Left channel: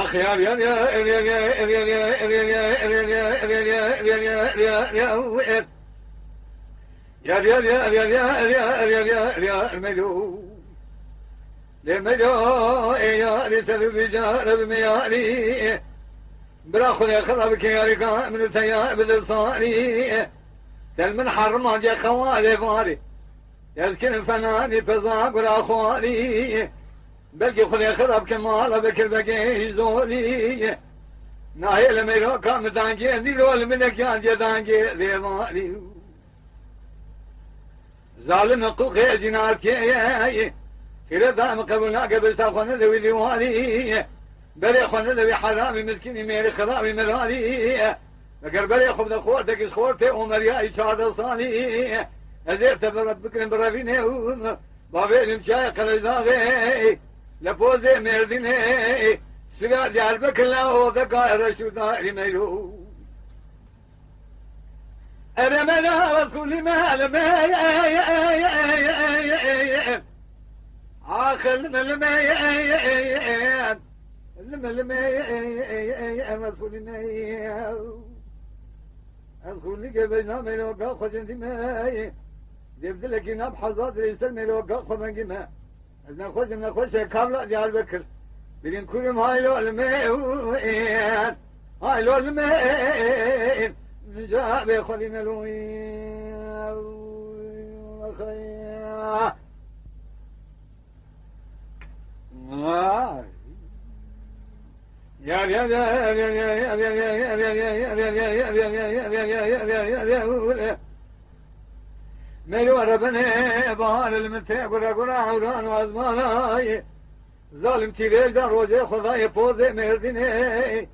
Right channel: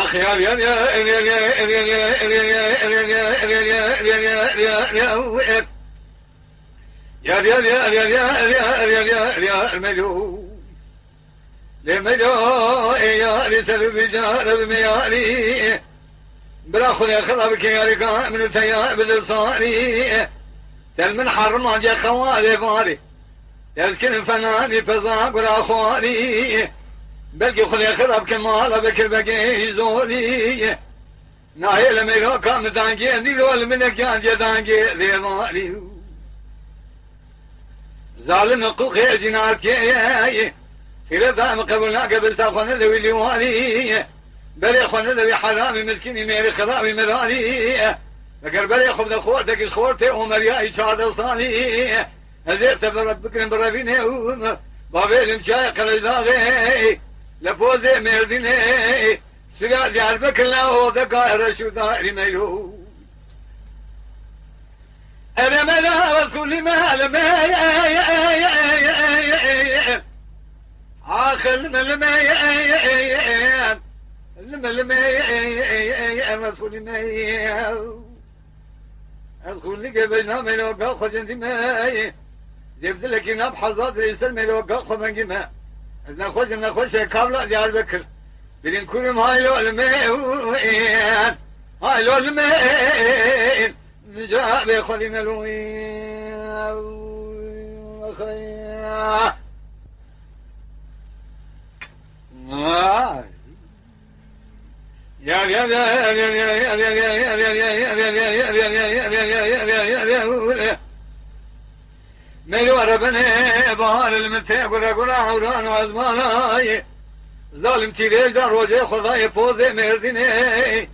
أخي يا يا يا يا يا يا يا المجو لمجو يا رسل بجار المياري براخذ يخربك يا رقاء من تيار بالصاري تل من حرم جا خوالي باري يسكن فناني فزاق وراخواري بلقي خذ يخرب كمال بكر بقي زوري نايل ميرو كام دانجي ديرول من كان جدانجي ذي ماري ظالم قوقي جنار كي ترى قبلنا قبل تاخذ ذوي الوالي بري خذ ذوي حرامي مسكيني ميري خرابي مراني بكر بري خذ خوتك خوتي ومرياي شاد صاني هذيت بربك بربيني بابي المشاي قلزاغي لبوزي مرديني سجاد يعرفك الله ذكر شو داري ميلو أنا ملا وكل ما لما آخر لما رسول ما أدخل لك بينا ملوكا خجنتي ما جبت لك نبحر ذات ريسل ملوكا خمجي ما نخش قبل ديار بكر بدين كل ما هاي لو المين هاي لو المين نجاء بخلي ملوين أخيا يا يا يا يا ملو ربنا بهار المتى قرا عوران وازماناي ظالم تيرجا روجه خداي فوزي مرديني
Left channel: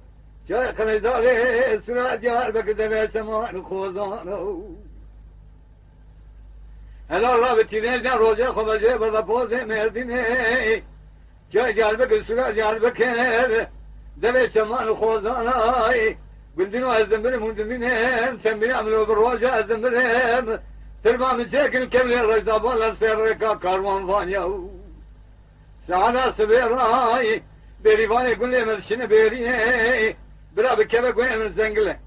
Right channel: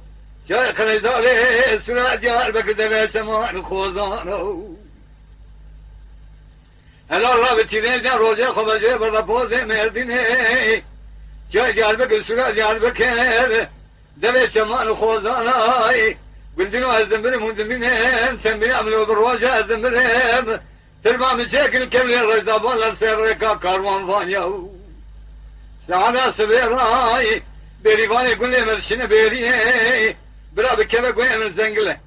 جاي خليزالي سرعة ديار بكدب سماء الخوزانو هلا الله بتيرجا روجه خداي بردا فوزي مرديني جاي ديار بك سرعة ديار بكر دب سماء الخوزاناي قلدنو الزمبر مندمين سمبر عملوا بالروجه الزمبر تربا مشاكل كم الرجل بالله سيركا كاروان فانيا سعنا سبيراي بريفاني كل مرشين بيري برا بكبه كوي من زنقله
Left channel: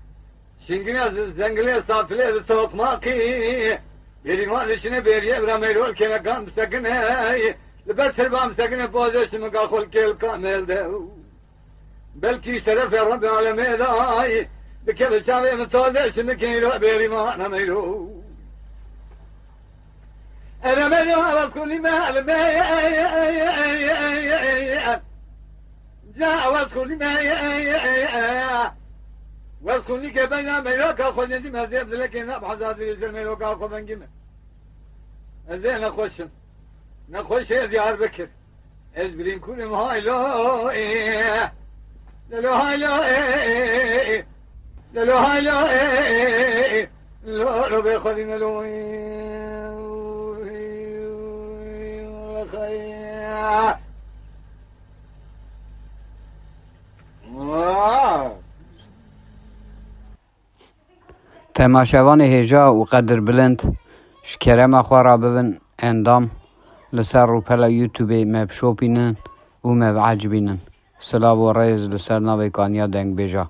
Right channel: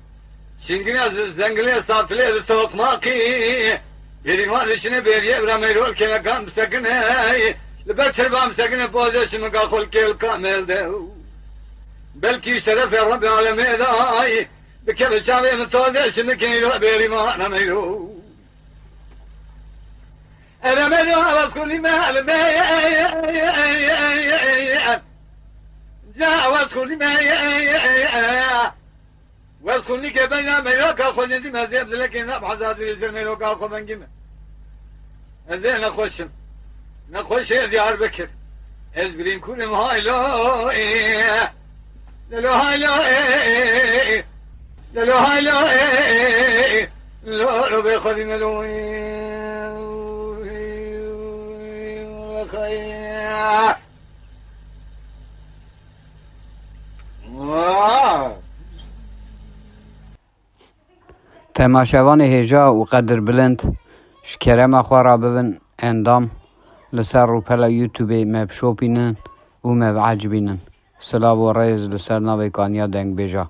شنقنا زنقله ساتله صوت ماقي بريفاني شنو بيري برا ميرول كما كان مسكنه لبس تربا مسكنه بوزش مقاخل كل كامل ده بلكي شرف رب العالمين داي بكبه شاوي من توزش مكيلو بيري ما انا ميرو أنا ملو على كل ما جاء وكل ما وكل كبنا ملوك أخذ عندي ما زيد لكن نبحث هذا الزمن ملوك أخذ من جمع زين نخش ديار بكر إزبرين كل ما هاي لو لو هاي لو بيخذ ملوين تماشاوان هجا و قدر بلند شکرم خواه ببن اندام لسر رو پلا یوتیوب مب شوپینن و مب عجبینن سلام و ریز لسر نوی کانیا دنگ بیجا